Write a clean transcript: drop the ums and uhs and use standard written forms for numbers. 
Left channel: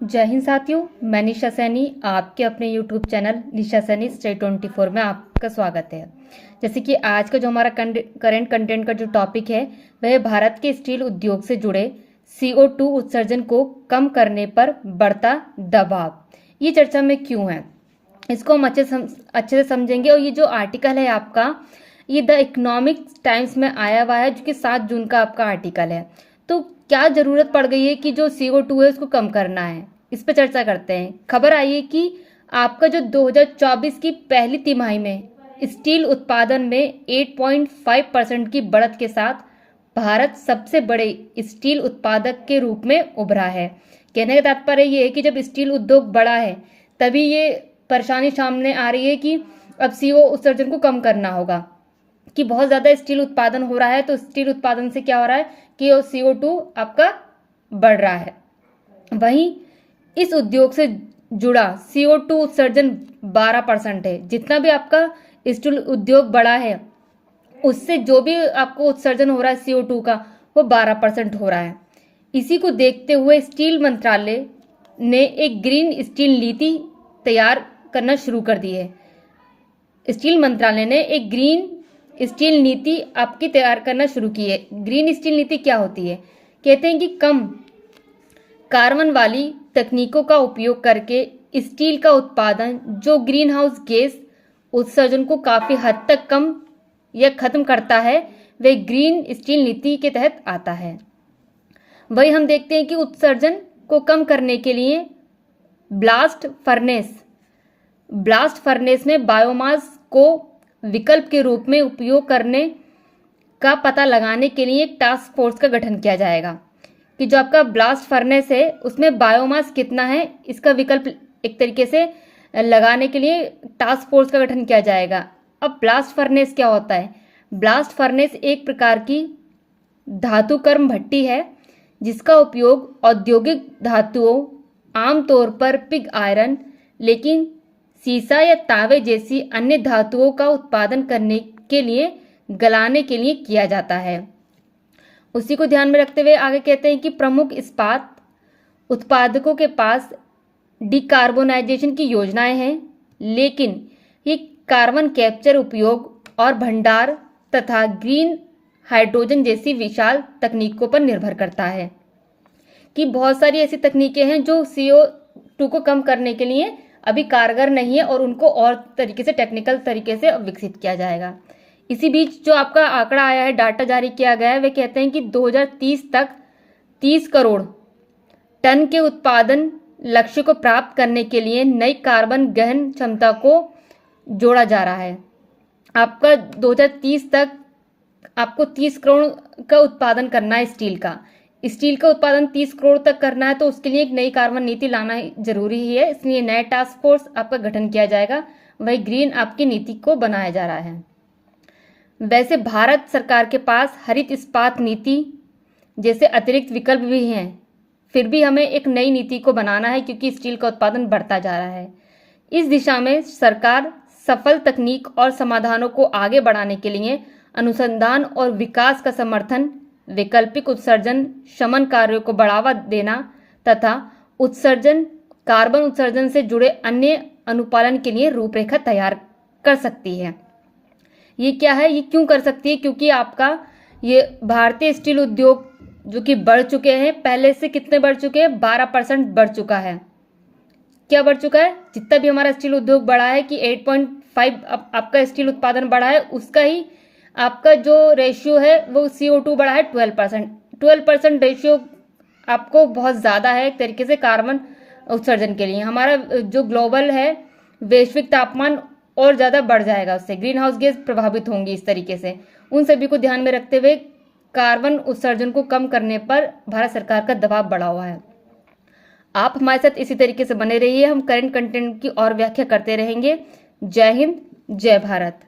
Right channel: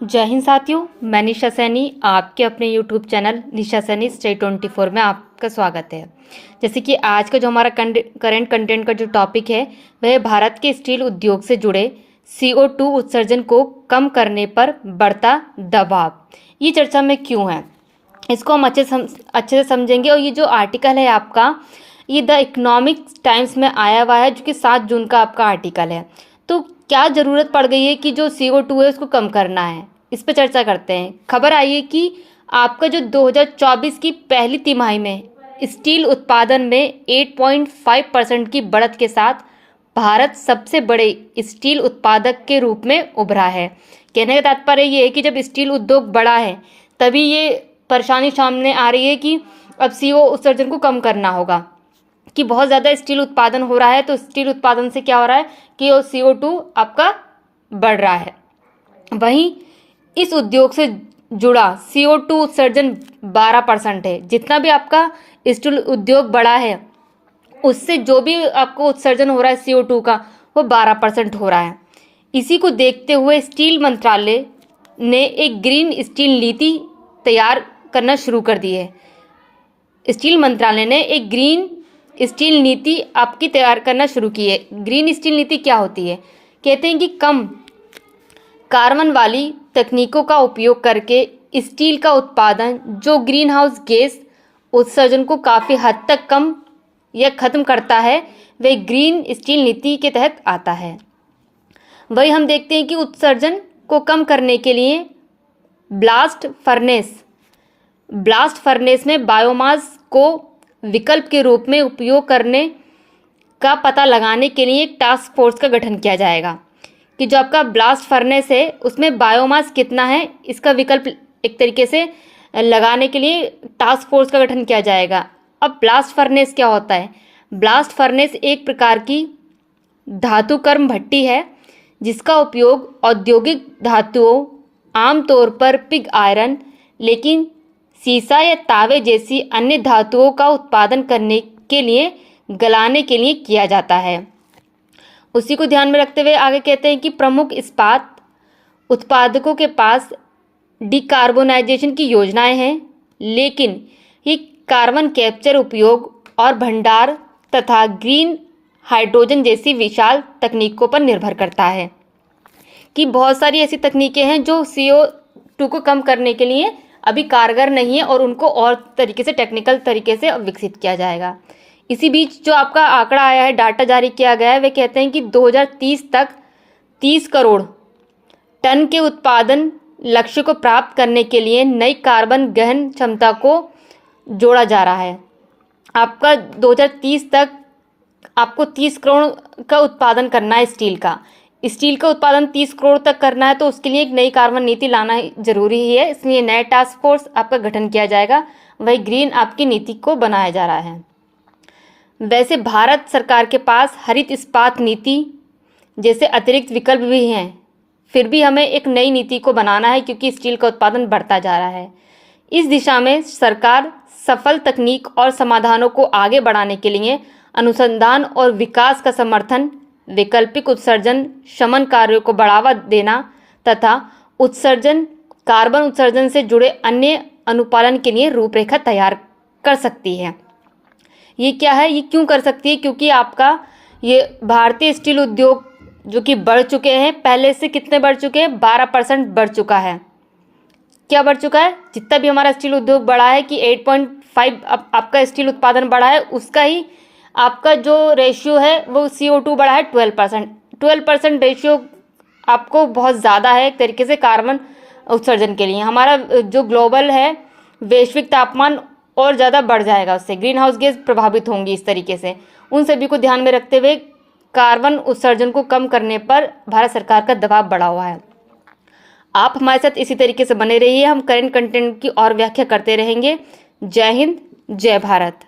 जय हिंद साथियों, मैं निशा सैनी आपके अपने यूट्यूब चैनल निशा सैनी स्टेट 24 में आपका स्वागत है। जैसे कि आज का जो हमारा करंट कंटेंट का जो टॉपिक है वह भारत के स्टील उद्योग से जुड़े CO2 उत्सर्जन को कम करने पर बढ़ता दबाव। ये चर्चा में क्यों है, इसको हम अच्छे से समझेंगे। और ये जो आर्टिकल है आपका, ये द इकोनॉमिक टाइम्स में आया हुआ है, जो कि 7 जून का आपका आर्टिकल है। तो क्या ज़रूरत पड़ गई है कि जो CO2 है उसको कम करना है, इस पर चर्चा करते हैं। खबर आई है कि आपका जो 2024 की पहली तिमाही में स्टील उत्पादन में 8.5% की बढ़त के साथ भारत सबसे बड़े स्टील उत्पादक के रूप में उभरा है। कहने का तात्पर्य ये है कि जब स्टील उद्योग बड़ा है तभी ये परेशानी सामने आ रही है कि अब CO उत्सर्जन को कम करना होगा, कि बहुत ज़्यादा स्टील उत्पादन हो रहा है। तो स्टील उत्पादन से क्या हो रहा है कि वो CO2 आपका बढ़ रहा है। वहीं इस उद्योग से जुड़ा CO2 उत्सर्जन 12% है। जितना भी आपका स्टील उद्योग बड़ा है उससे जो भी आपको उत्सर्जन हो रहा है CO2 का, वो 12% हो रहा है। इसी को देखते हुए स्टील मंत्रालय ने एक ग्रीन स्टील नीति तैयार करना शुरू कर दी है। स्टील मंत्रालय ने एक ग्रीन स्टील नीति आपकी तैयार करना शुरू की है। ग्रीन स्टील नीति क्या होती है? कहते हैं कि कम कार्बन वाली तकनीकों का उपयोग करके स्टील का उत्पादन जो ग्रीन हाउस गैस उत्सर्जन को काफ़ी हद तक कम या ख़त्म करता है, वह ग्रीन स्टील नीति के तहत आता है। वही हम देखते हैं कि उत्सर्जन को कम करने के लिए ब्लास्ट फर्नेस में बायोमास को विकल्प के रूप में उपयोग करने का पता लगाने के लिए एक टास्क फोर्स का गठन किया जाएगा, कि जो आपका ब्लास्ट फर्नेस है उसमें बायोमास कितना है, इसका विकल्प एक तरीके से लगाने के लिए टास्क फोर्स का गठन किया जाएगा। अब ब्लास्ट फर्नेस क्या होता है? ब्लास्ट फर्नेस एक प्रकार की धातुकर्म भट्टी है जिसका उपयोग औद्योगिक धातुओं, आमतौर पर पिग आयरन, लेकिन सीसा या तांबे जैसी अन्य धातुओं का उत्पादन करने के लिए गलाने के लिए किया जाता है। उसी को ध्यान में रखते हुए आगे कहते हैं कि प्रमुख इस्पात उत्पादकों के पास डिकार्बोनाइजेशन की योजनाएं हैं, लेकिन ये कार्बन कैप्चर, उपयोग और भंडार तथा ग्रीन हाइड्रोजन जैसी विशाल तकनीकों पर निर्भर करता है। कि बहुत सारी ऐसी तकनीकें हैं जो CO2 को कम करने के लिए अभी कारगर नहीं है और उनको और तरीके से, टेक्निकल तरीके से विकसित किया जाएगा। इसी बीच जो आपका आंकड़ा आया है, डाटा जारी किया गया है, वे कहते हैं कि 2030 तक 30 करोड़ टन के उत्पादन लक्ष्य को प्राप्त करने के लिए नई कार्बन गहन क्षमता को जोड़ा जा रहा है। आपका 2030 तक आपको 30 करोड़ का उत्पादन करना है स्टील का उत्पादन 30 करोड़ तक करना है, तो उसके लिए एक नई कार्बन नीति लाना जरूरी ही है। इसलिए नया टास्क फोर्स आपका गठन किया जाएगा, वही ग्रीन आपकी नीति को बनाया जा रहा है। वैसे भारत सरकार के पास हरित इस्पात नीति जैसे अतिरिक्त विकल्प भी हैं, फिर भी हमें एक नई नीति को बनाना है क्योंकि स्टील का उत्पादन बढ़ता जा रहा है। इस दिशा में सरकार सफल तकनीक और समाधानों को आगे बढ़ाने के लिए अनुसंधान और विकास का समर्थन, वैकल्पिक उत्सर्जन शमन कार्यों को बढ़ावा देना तथा कार्बन उत्सर्जन से जुड़े अन्य अनुपालन के लिए रूपरेखा तैयार कर सकती है। ये क्या है, ये क्यों कर सकती है? क्योंकि आपका ये भारतीय स्टील उद्योग जो कि बढ़ चुके हैं, पहले से कितने बढ़ चुके हैं? 12% बढ़ चुका है। क्या बढ़ चुका है? जितना भी हमारा स्टील उद्योग बढ़ा है कि 8.5 आपका स्टील उत्पादन बढ़ा है, उसका ही आपका जो रेशियो है वो CO2 बढ़ा है 12% रेशियो आपको बहुत ज़्यादा है एक तरीके से कार्बन उत्सर्जन के लिए। हमारा जो ग्लोबल है वैश्विक तापमान और ज़्यादा बढ़ जाएगा, उससे ग्रीन हाउस गैस प्रभावित होंगी। इस तरीके से उन सभी को ध्यान में रखते हुए कार्बन उत्सर्जन को कम करने पर भारत सरकार का दबाव बढ़ा हुआ है। आप हमारे साथ इसी तरीके से बने रहिए, हम करंट कंटेंट की और व्याख्या करते रहेंगे। जय हिंद, जय भारत।